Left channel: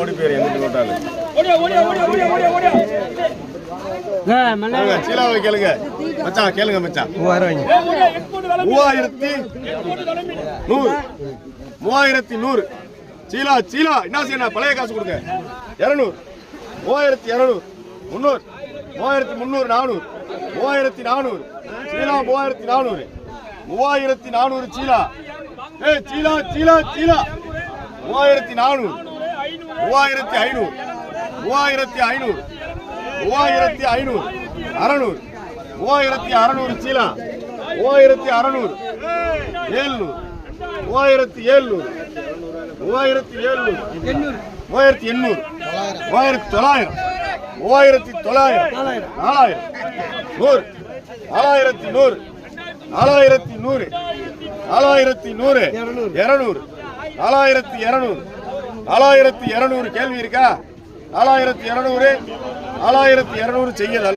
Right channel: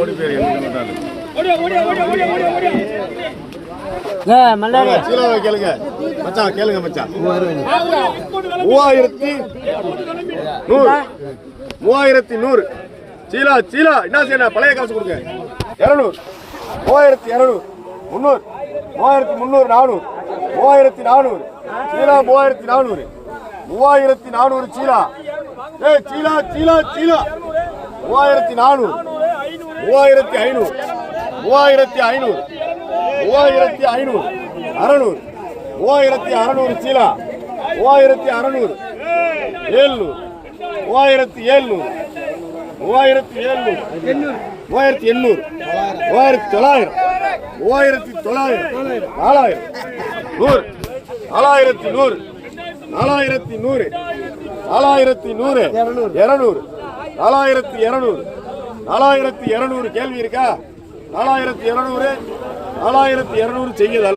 ஓடி பேர் சீலாவை கேளுங்க மச்சான், கேளுங்க மச்சான். 3100 சீலா சீலா என்ன செய்யணும்? பழைய காசு கொடுங்க. 200 3200 300 3300 400 3400 சீலா 3400 3400 சீலா. சீலா சீலா சீலா 3400 3500 3500 3500 600 3600 சீலா 3600 700 3700 3800 3900 3900 4000 4100 4100 200 4200 கேள்வி இருக்கா? 4200 செய்யுதல்.